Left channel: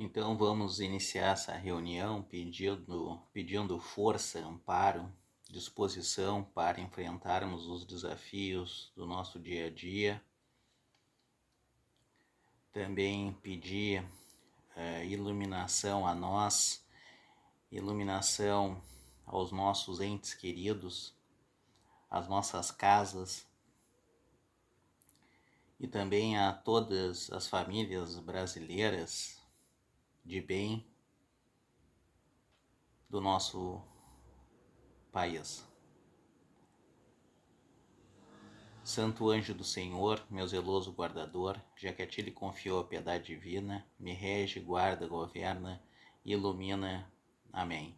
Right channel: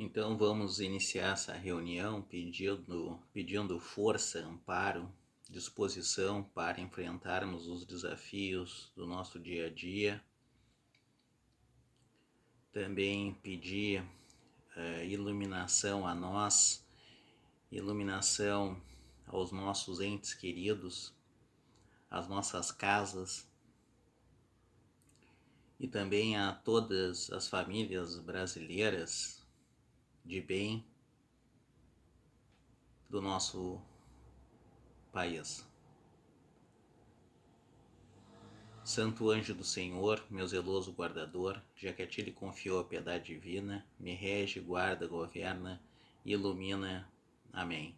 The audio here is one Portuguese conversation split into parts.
Então vamos iniciar essa reunião pedindo força, amparo, disposição para enfrentarmos os desafios do nosso dia a dia. Também pedir iluminação a nós, iluminação aos nossos entes queridos, às nossas casas e também a todas as famílias brasileiras de bem do nosso país. Santo anjo do Senhor, meu zeloso guardador, já que a ti lhe confiou a piedade divina, me rege, guarda, governa e ilumina. Amém.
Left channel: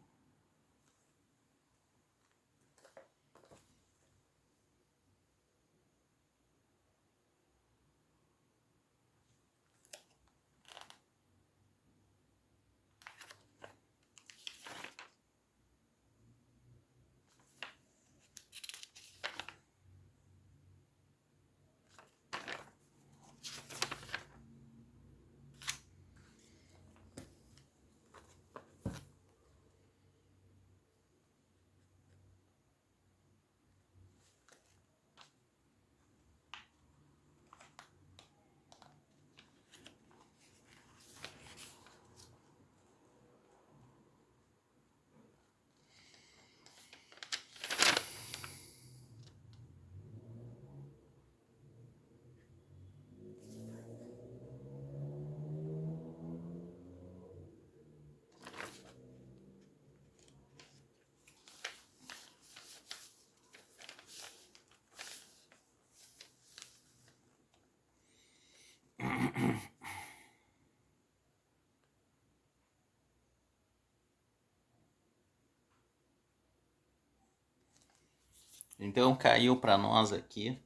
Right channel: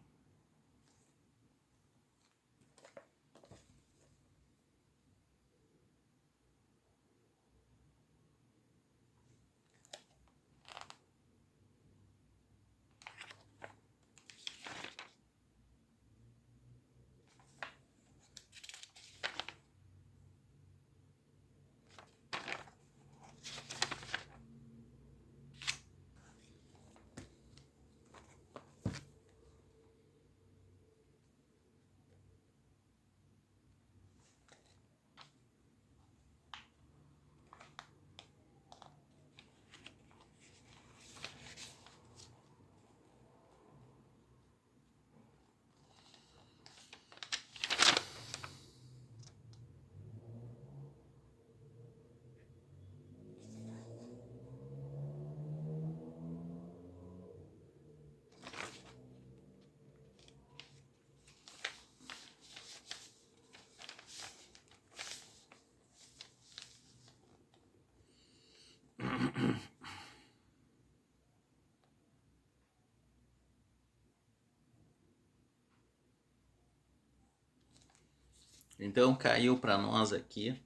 Então caiu para nós aqui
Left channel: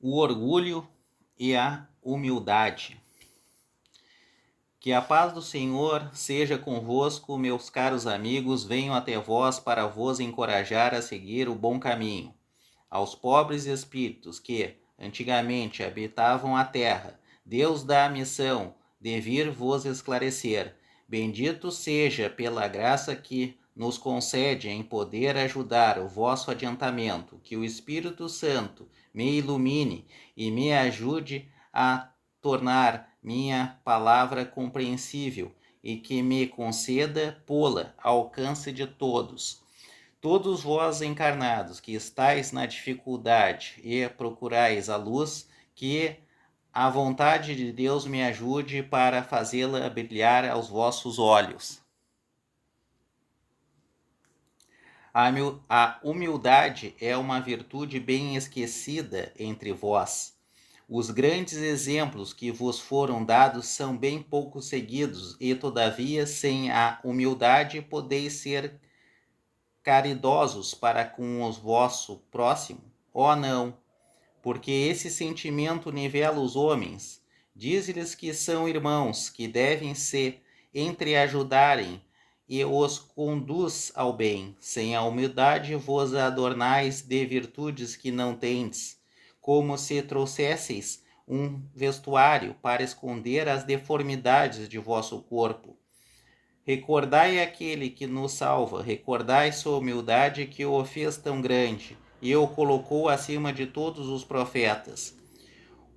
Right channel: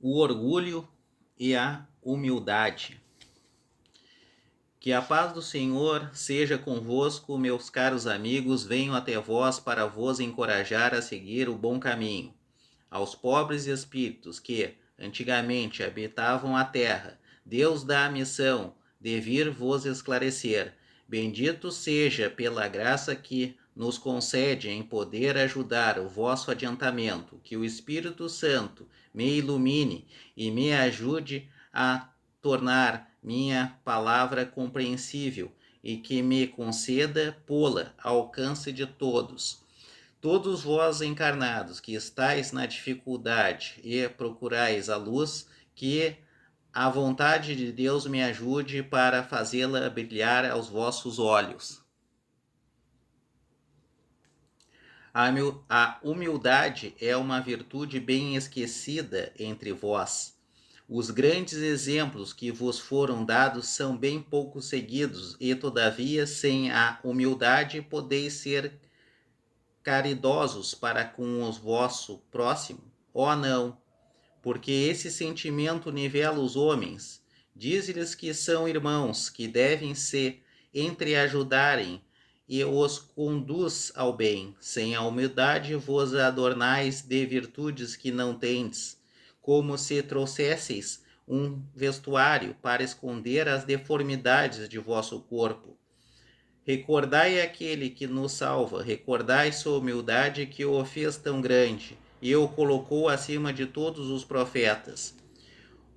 o orgulho e a humildade. Que a paz do Senhor seja convosco, meus caros amigos, venho até vós para vos encorajar a seguir o bom caminho. Aos pobres espíritos que, antigamente, habitavam a terra, Deus dá a missão de vir vos esclarecer. Bendito seja pela graça que nos concede em poder ajudar o vosso adiantamento, que o Espírito Santo me ilumine e me ajude a tornar minha palavra compreensível e que me conceda pô-la ao alcance de todos. Todos vós encarnados que estáis na dificuldade e procurais a luz, que a vontade de Deus me ajude para fazê-la brilhar aos vossos olhos. A humildade é uma virtude bem esquecida entre vós. Os grandes exemplos que vos foram dados são bem pouco seguidos, e todavia, sem a humildade, podeis ser caridosos para com o vosso próximo? Oh, não, porque esse sentimento nivela os homens. Diz-lhes que são irmãos, que devem se entreajudarem e os conduz ao bem. Sem a humildade vos adornais de virtudes que não tendes, como se trouxesseis um vestuário para esconder as deformidades de vosso corpo. Recordai aquele que nos salva, recordai sua humildade que o fez tão grande e o colocou acima de todos os profetas.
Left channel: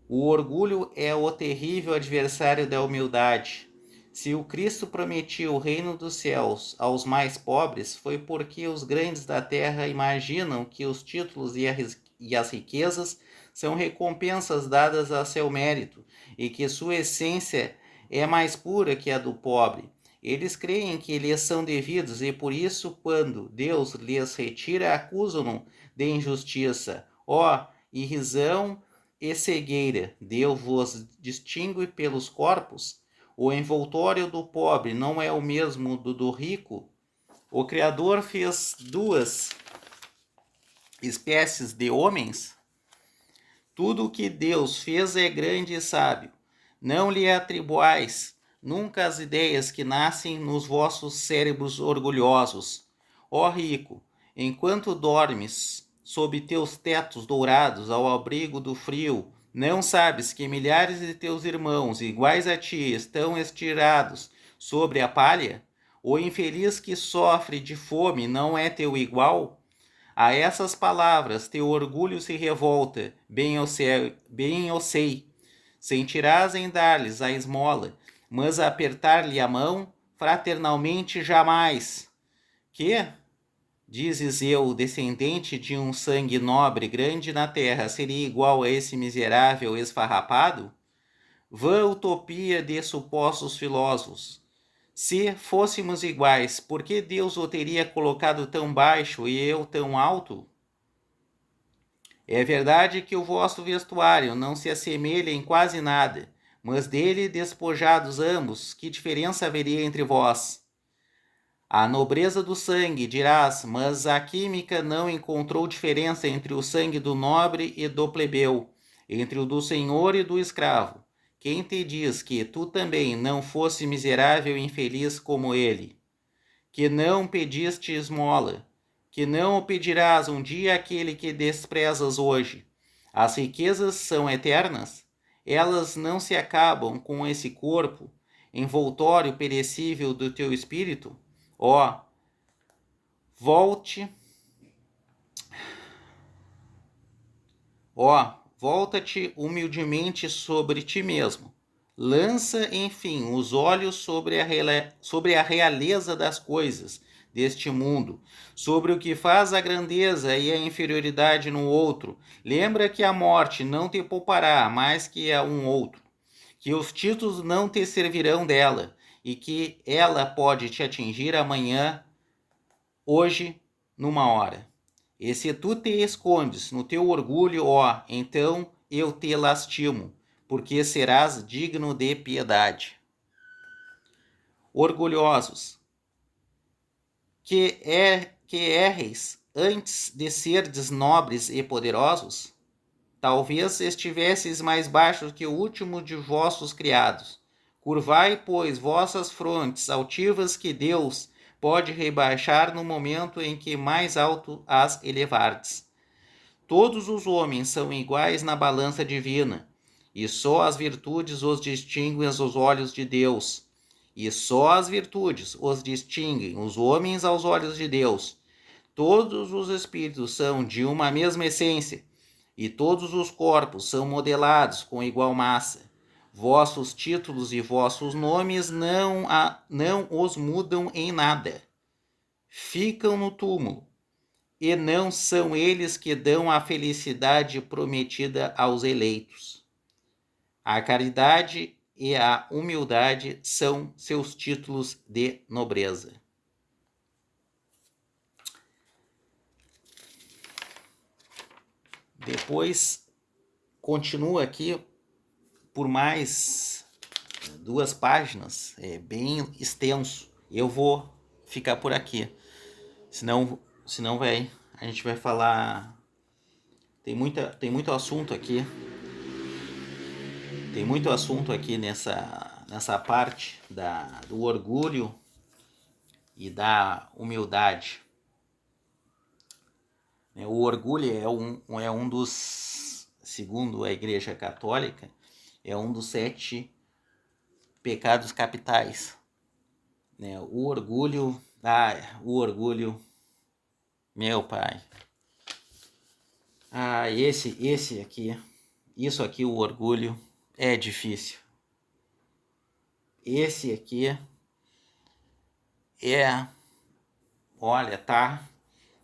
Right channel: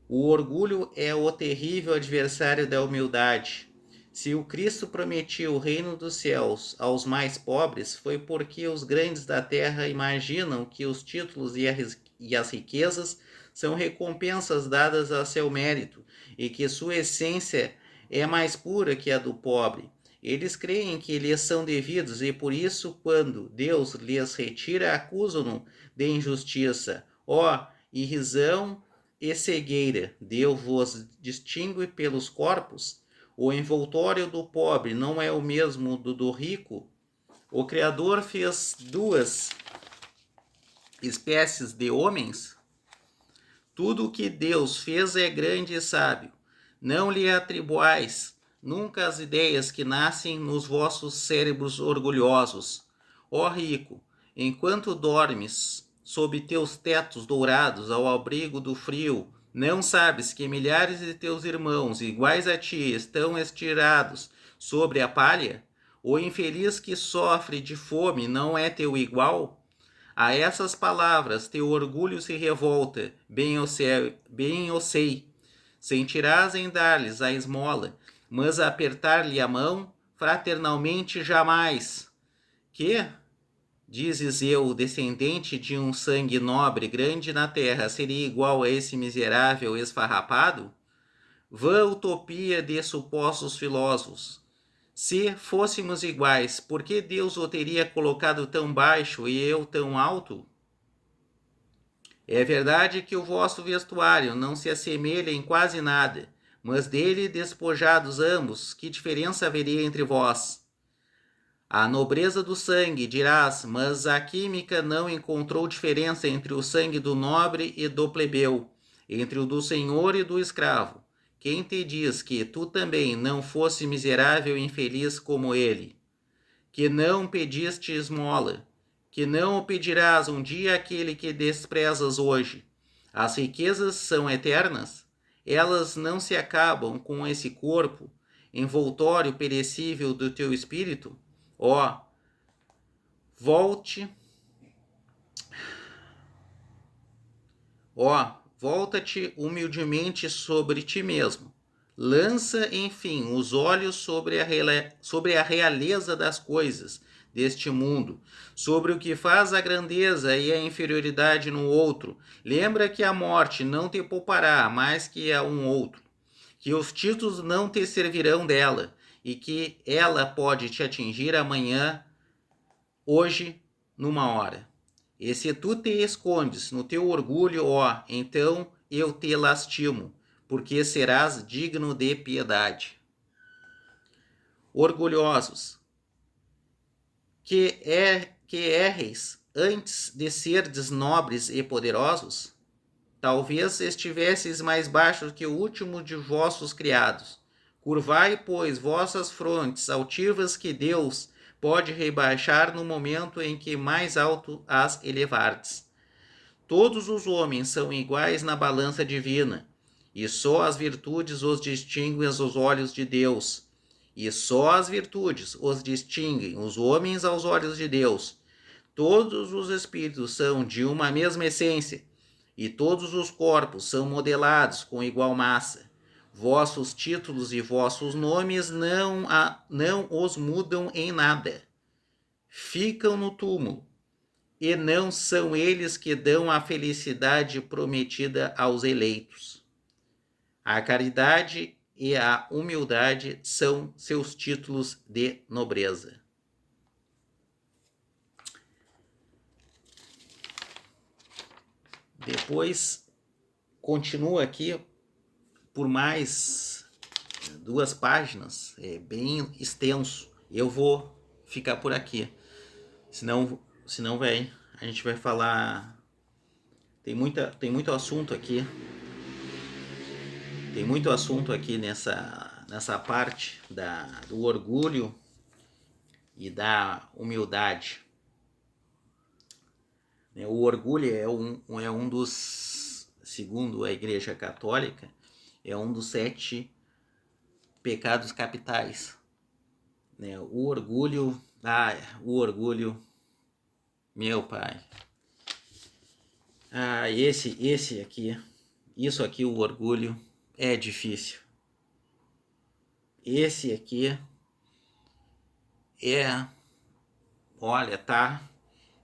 O orgulho é o terrível adversário da humildade. Se o Cristo prometia o reino dos céus aos mais pobres, foi porque os grandes da terra imaginam que os títulos e as riquezas são recompensas dadas a seu mérito e que sua essência é mais pura que a do pobre. Eles creem que lhes são devidos e por isso, quando Deus lhes retira, acusam-no de injustiça. Ó, irrisão e cegueira! Deus vos distingue pelos corpos? O envoltório do pobre não é o mesmo do rico? O Criador fez duas espécies de homens? Tudo o que Deus fez é grande e sábio. Não lhe atribuais nunca as ideias que nascem nos vossos cérebros orgulhosos. Ó rico, enquanto dormes sob teus tetos dourados ao abrigo do frio, Não sabes que milhares de teus irmãos, iguais a ti, estão estirados sobre a palha? O infeliz que sofre de fome não é teu igual? A essas palavras teu orgulho se revolta, bem eu sei. Sentirás em dar-lhes a esmola, mas apertar-lhe a mão, fraternalmente jamais. Que, dizes eu, descendente de um sangue nobre grande na terra, seria igual a esse miserável esfarrapado? Vã utopia de supostos filósofos. Se fôssemos iguais, por que Deus o teria colocado tão baixo e eu tão alto? É verdade que o vosso vestuário não se assemelha em quase nada, mas dele despojados ambos, que diferença haveria entre vós? A nobreza do sangue, dirás, mas a química não encontrou diferença entre o sangue do nobre e do plebeu, entre o do senhor e do escravo. Quem te diz que tu também não fosse miserável e infeliz como ele? Que não pediste esmola, que não o pedirás um dia àquele que desprezas hoje. As riquezas são eternas, elas não se acabam com esse corpo, envoltório perecível do teu espírito? Ó, volte, volta-te humildemente sobre ti mesmo. Lança, enfim, os olhos sobre a realeza das coisas deste mundo, sobre o que faz a grandeza e a inferioridade no outro. Lembra que a morte não te poupará mais que a um outro, que os títulos não te servirão dela, e que ela pode te atingir amanhã, hoje, numa hora. E se tu te escondes no teu orgulho, ó, então eu te lastimo, porque serás digno de piedade. Orgulhosos, que erres antes de serdes nobres e poderosos? Talvez estivesseis mais baixos que o último de vossos criados. Curvai, pois, vossas frontes altivas, que Deus pode rebaixar no momento em que mais alto as elevardes. Todos os homens são iguais na balança divina, e só as virtudes os distinguem aos olhos de Deus. E só as virtudes os distinguem os homens aos olhos de Deus. Todos os espíritos são de uma mesma essência, e todos os corpos são modelados com igual massa. Vossos títulos e vossos nomes não os mudam em nada. Ficam no túmulo, e não são eles que dão a felicidade prometida aos eleitos. A caridade e a humildade são seus títulos de nobreza. Depois continua aqui por mais 2 páginas, é bem extenso. Eu vou ficar por aqui, senão a gente vai falar. Tem muito assunto aqui. Tem muito assunto aqui nessa parte do orgulho e da humildade. O orgulho é um dos, segundo a Igreja Católica, é um dos 7 pecados capitais. O orgulho, meu pai. Esse aqui, isso aqui, o orgulho é difícil. Esse aqui olha,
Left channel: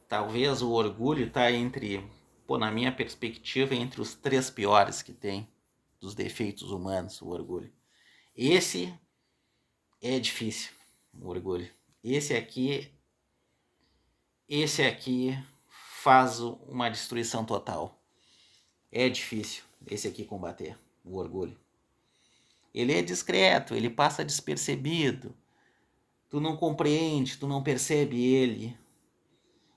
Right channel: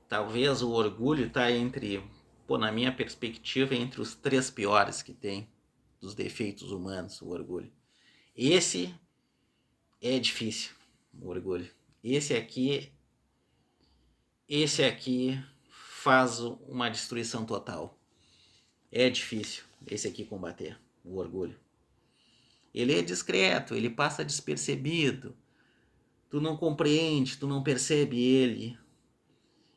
talvez o orgulho tá na minha perspectiva, entre os 3 piores que tem dos defeitos humanos, o orgulho. Esse é difícil, o orgulho. Esse aqui faz uma destruição total. É difícil esse aqui combater, o orgulho. Ele é discreto, ele passa despercebido. Tu não compreende, tu não percebe ele.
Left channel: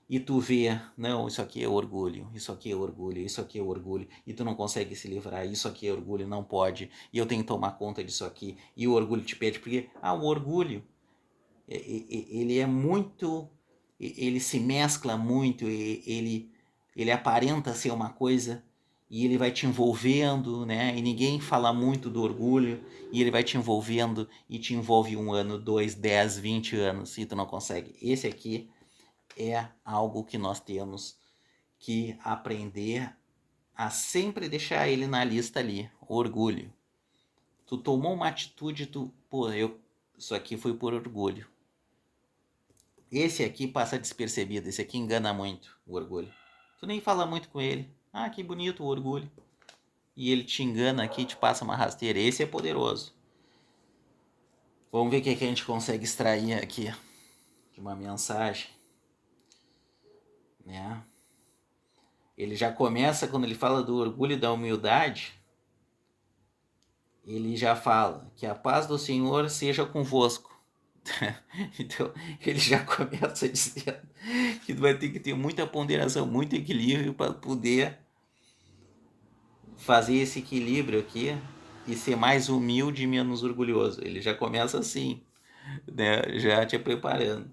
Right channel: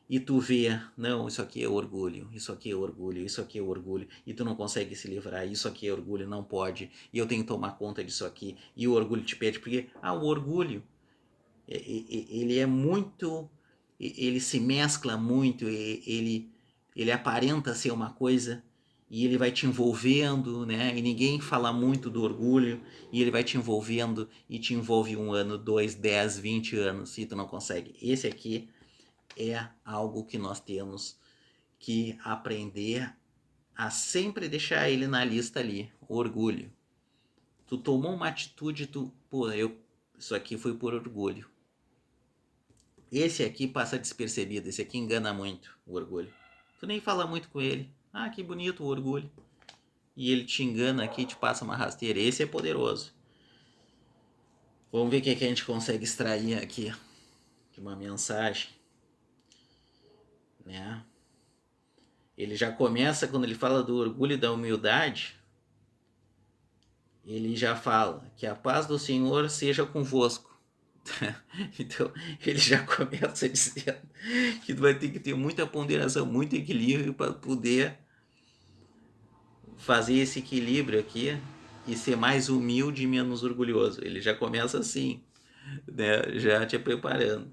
E tu vê, não, isso aqui é orgulho, isso aqui é orgulho, isso aqui é orgulho, e tu não consegue se livrar, isso aqui é orgulho, não pode, e eu tenho que tomar conta disso aqui, e o orgulho te pede, porque, o orgulho, ele é muito, ele se mescla muito, ele aparenta ser uma coisa, e ele vai te envolvendo, né? E ninguém fala muito do orgulho, e ele vai te envolvendo e te envolve 1 ano, 2, 10, 20 anos e tu não consegue. Esse aqui é algo que nós temos que aprender a sempre deixar ele na lista ali, o orgulho. Tu tomou uma atitude, isso aqui foi por orgulho. Esse aqui passa despercebido, esse aqui engana muito, o orgulho. Tu nem fala muito com ele. Ah, que bonito o orgulho. E ele te engana aqui, te passa uma rasteira. Esse é poderoso. Vamos ver o que a gente consegue extrair aqui de uma mensagem, né? Ele já começa, quando ele fala do orgulho e da humildade, ele já fala que a paz do Senhor seja convosco. Então, ele já começa dizendo que tu vai ter que ter muita ponderação, muito equilíbrio para poder fazer esse equilíbrio aqui e ser mais humilde e menos orgulhoso. Ele já começa assim, né? Já te preparando.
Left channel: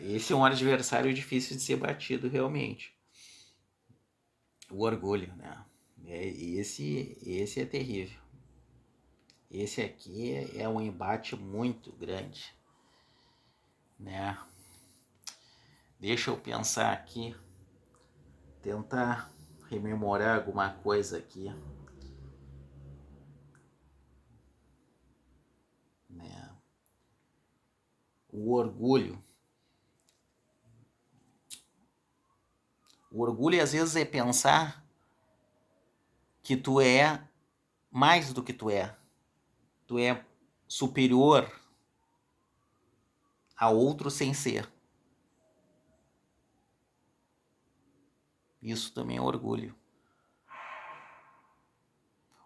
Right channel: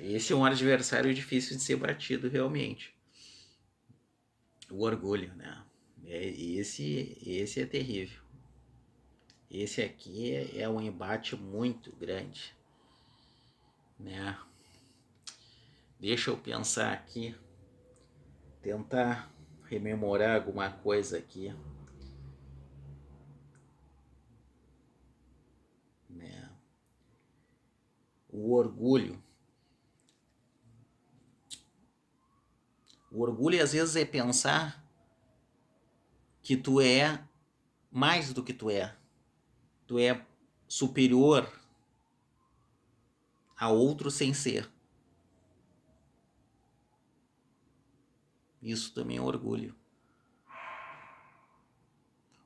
Esse é um adversário difícil de ser batido realmente. O orgulho, né? Esse é terrível. Esse aqui é um embate muito grande, né? Deixa eu pensar aqui, tentar rememorar alguma coisa aqui, né? O orgulho. O orgulho às vezes é pensar que tu é mais do que tu é. Tu é superior a outro sem ser. Isso também é orgulho.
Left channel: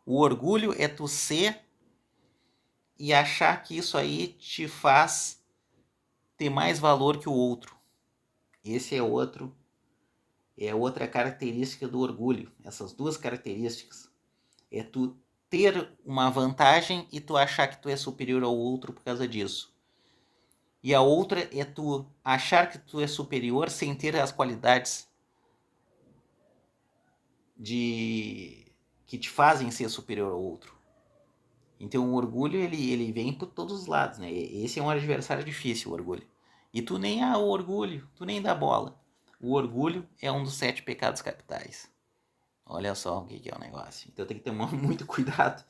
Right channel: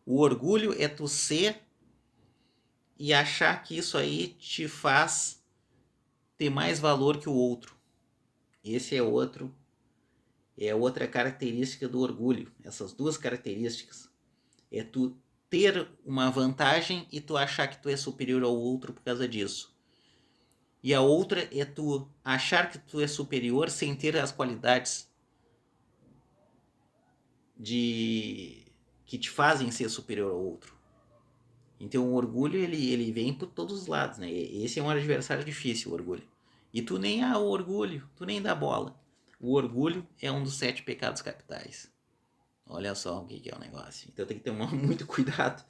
O orgulho é tu ser e achar que isso aí te faz ter mais valor que o outro. Esse é outra característica do orgulho. Essas duas características é tu ter uma vantagem e tu achar que tu é superior ao outro por causa disso. E a outra é tu achar que tu é superior sem ter as qualidades que te fazem ser superior ao outro. Então o orgulho ele vem por todos os lados, né? Esse é um adversário difícil, o orgulho. E tu nem o orgulho, tu nem dá bola. O orgulho é um dos 7 pecados capitais. Olha só o que é o negócio. Então tem que tomar muito cuidado.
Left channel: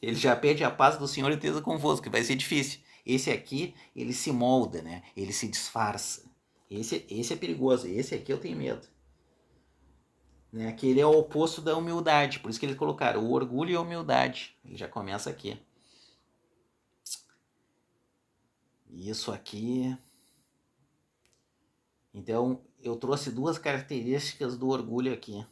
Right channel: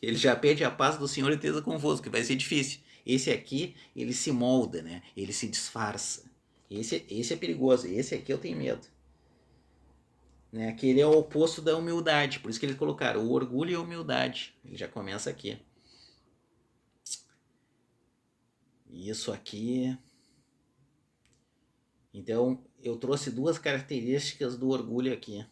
Ele já pede a paz do Senhor e esteja convosco, que vai ser difícil. Esse aqui, ele se molda, né? Ele se disfarça. Esse é perigoso. Esse aqui eu tenho medo. Né? Que ele é o oposto da humildade. Por isso que eles colocaram o orgulho e a humildade. Ele já começa aqui. Isso aqui. Então, eu trouxe 2 características do orgulho aqui.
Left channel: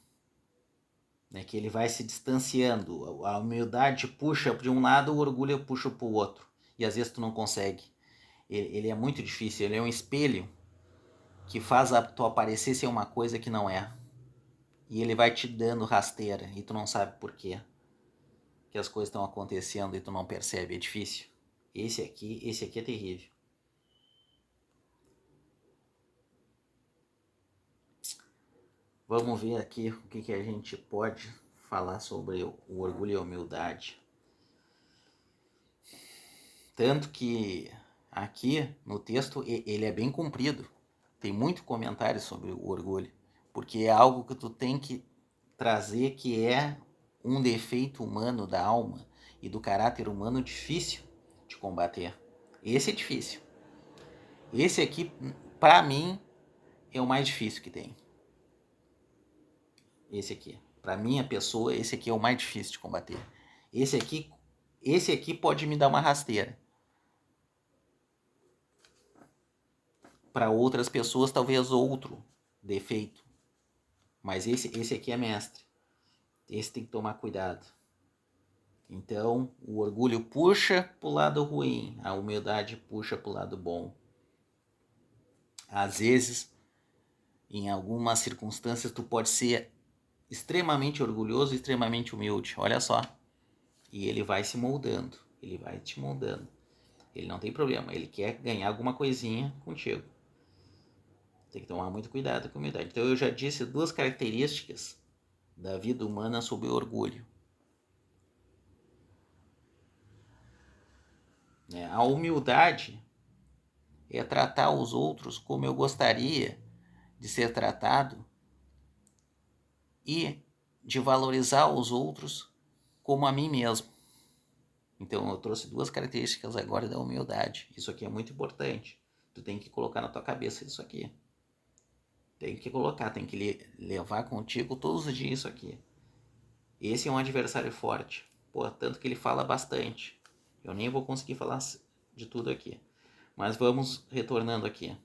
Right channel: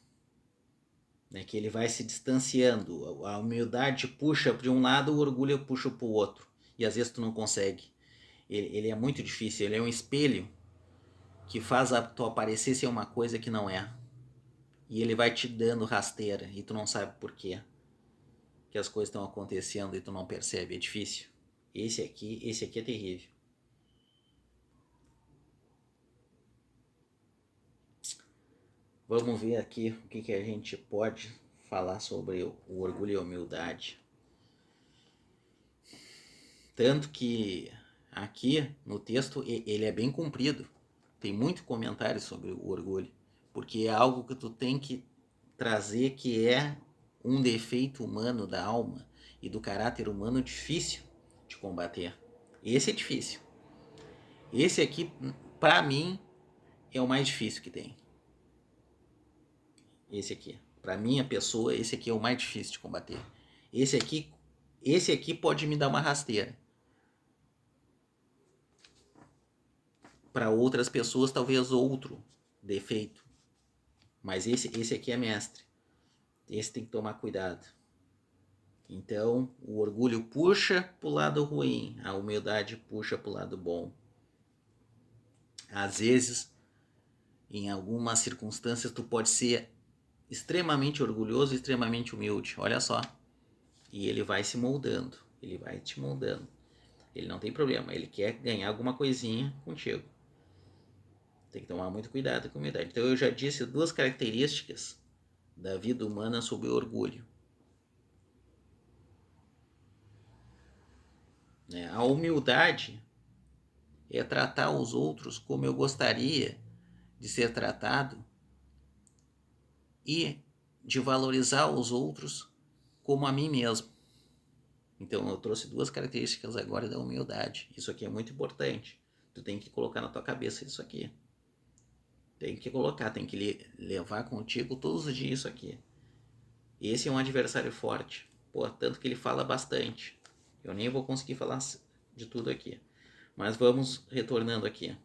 Né? Que ele vai se distanciando. A humildade puxa para um lado, o orgulho puxa para o outro. E às vezes tu não consegue. Ele é muito difícil. Ele é um espelho que faz tu aparecer ser uma coisa que não é. E ele vai te dando rasteira e tu não sabe por quê. Que as coisas estão acontecendo e tu não percebe. É difícil. Esse aqui é terrível. Vamos ver aqui o que a gente pode falar sobre o orgulho e a humildade. Tanto que aqui no texto ele é bem comprido. Tem muito comentário sobre o orgulho. Porque é algo que tu tem que trazer que é um defeito humano da alma e do caráter humano difícil de combater. Esse é difícil. Esse aqui, para mim, é o mais difícil que tem. Esse aqui. Para minha pessoa, esse aqui é o mais difícil de combater. Esse aqui pode me dar uma rasteira. Para outras pessoas, talvez outro defeito. Mas esse aqui é mestre. Esse tem que tomar cuidado. Então, o orgulho puxa para o lado ruim, a humildade puxa para o lado bom. Às vezes, em algumas circunstâncias, tu pode ser extremamente orgulhoso e extremamente humilde. Olha só. E ele vai se moldando. Ele vai te moldando. Ele não tem problema. Ele quer ganhar alguma coisinha contigo. Tem que tomar muito cuidado com a humildade. Então eu já disse 2 características da vida humana sob o orgulho. A humildade é tratar os outros como eu gostaria de ser tratado e de valorizar os outros como a mim mesmo. Então eu trouxe 2 características agora da humildade. Isso aqui é muito importante. Tu tem que colocar na tua cabeça isso aqui. Tem que colocar, tem que levar contigo todos os dias isso aqui. Esse é um adversário forte. Pô, tanto que ele fala bastante. Eu nem vou conseguir falar de tudo aqui. Mas vamos retornando aqui.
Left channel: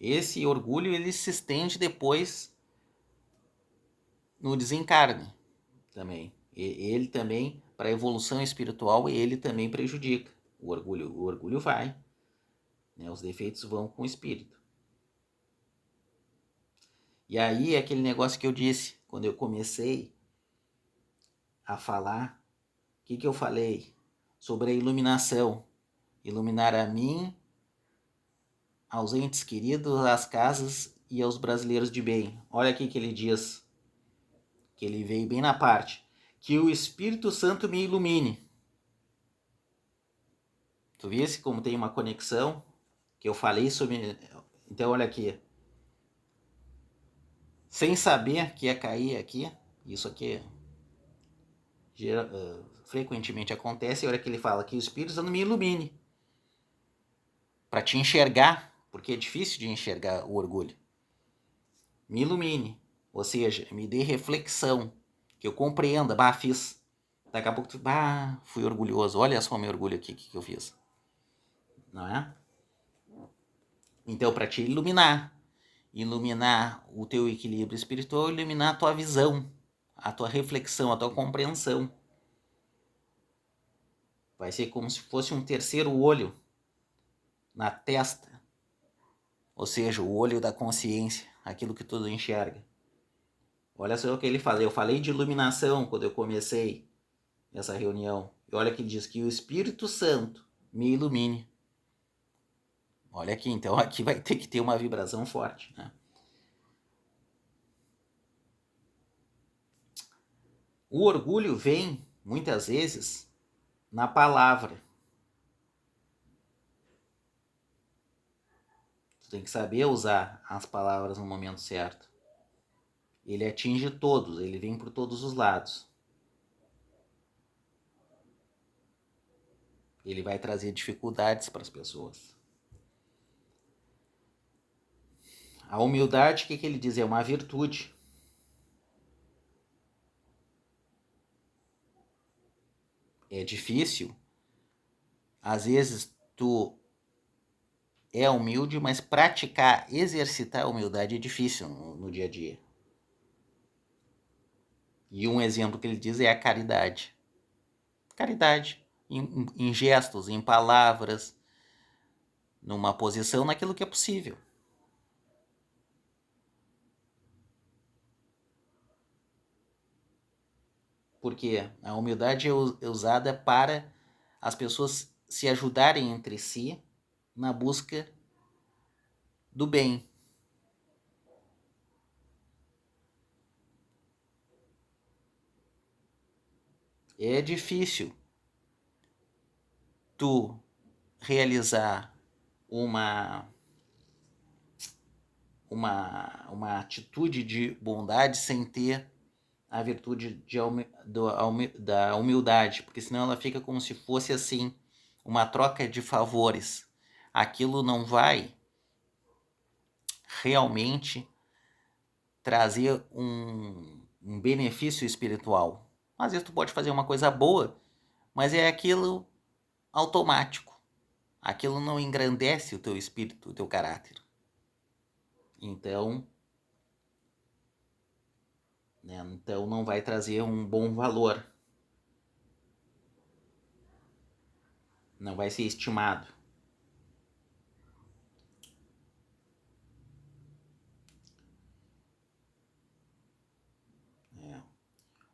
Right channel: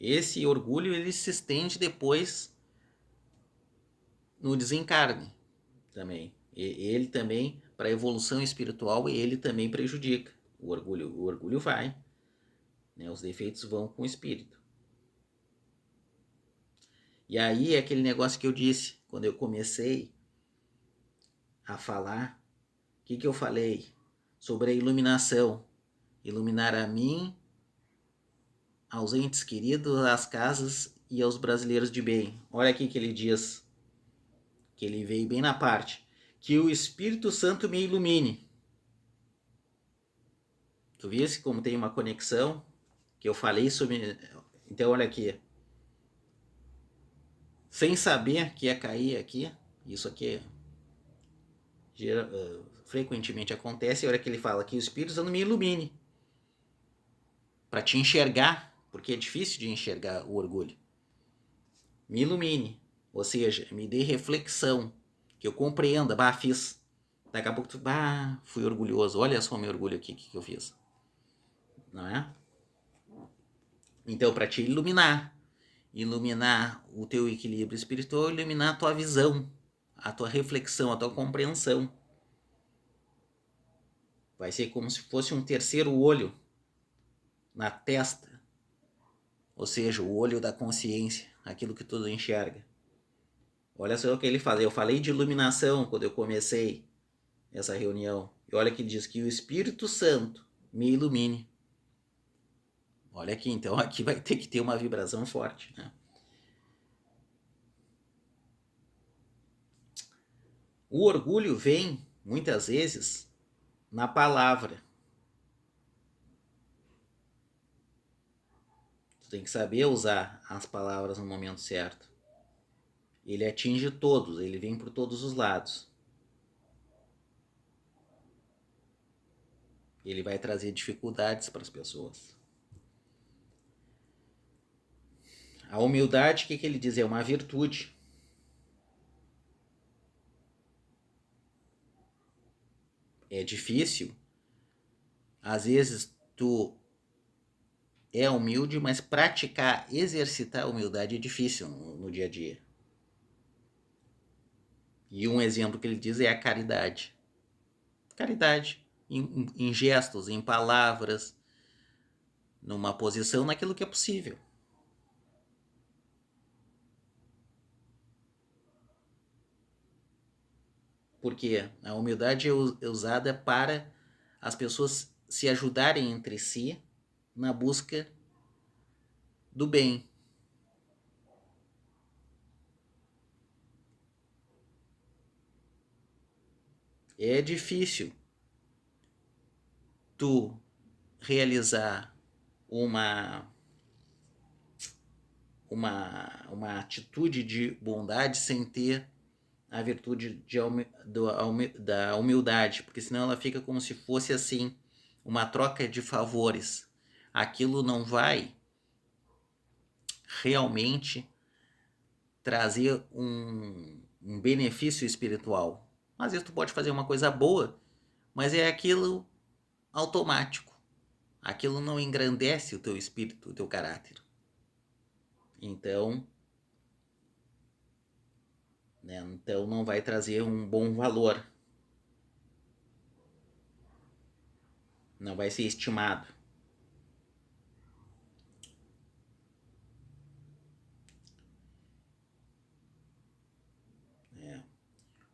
Esse orgulho ele se estende depois no desencarne também. Ele também, para a evolução espiritual, ele também prejudica. O orgulho vai, né? Os defeitos vão com o espírito. E aí, aquele negócio que eu disse, quando eu comecei a falar, o que eu falei? Sobre a iluminação. Iluminar a mim, aos entes queridos, às casas e aos brasileiros de bem. Olha aqui que ele diz, que ele veio bem na parte. Que o Espírito Santo me ilumine. Tu viste como tem uma conexão? Que eu falei sobre... Então, olha aqui. Sem saber que ia cair aqui, isso aqui frequentemente acontece, a hora que ele fala que o Espírito Santo me ilumine. Para te enxergar, porque é difícil de enxergar o orgulho. Me ilumine, ou seja, me dê reflexão, que eu compreenda, fiz. Daqui a pouco tu, fui orgulhoso, olha só meu orgulho aqui, que eu fiz. Não é? Então, para te iluminar o teu equilíbrio espiritual, iluminar a tua visão, a tua reflexão, a tua compreensão. Vai ser como se fosse um terceiro olho na testa, ou seja, o olho da consciência, aquilo que tudo enxerga. Olha só o que ele fala. Eu falei de iluminação quando eu comecei essa reunião. E olha que ele diz que o Espírito Santo me ilumine. Olha aqui, então aqui vai ter que ter uma vibração forte, né? O orgulho vem, muitas vezes, na palavra. Tu tem que saber usar as palavras no momento certo. Ele atinge todos, ele vem por todos os lados. Ele vai trazer dificuldades para as pessoas. A humildade, o que ele diz? É uma virtude. É difícil. Às vezes tu é humilde, mas praticar, exercitar a humildade é difícil no dia a dia. E um exemplo que ele diz é a caridade. Caridade em gestos, em palavras, numa posição, naquilo que é possível. Porque a humildade é usada para as pessoas se ajudarem entre si na busca do bem. É difícil tu realizar uma atitude de bondade sem ter a virtude da humildade, porque senão ela fica como se fosse assim, uma troca de favores. Aquilo não vai realmente trazer um benefício espiritual. Às vezes tu pode fazer uma coisa boa, mas é aquilo automático. Aquilo não engrandece o teu espírito, o teu caráter. Então, então não vai trazer um bom valor. Não vai ser estimado.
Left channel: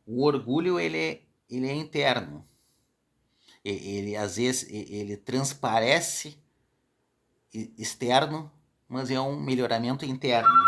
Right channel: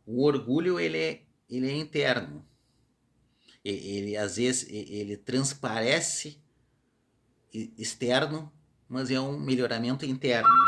O orgulho ele é interno. Ele às vezes ele transparece externo, mas é um melhoramento interno.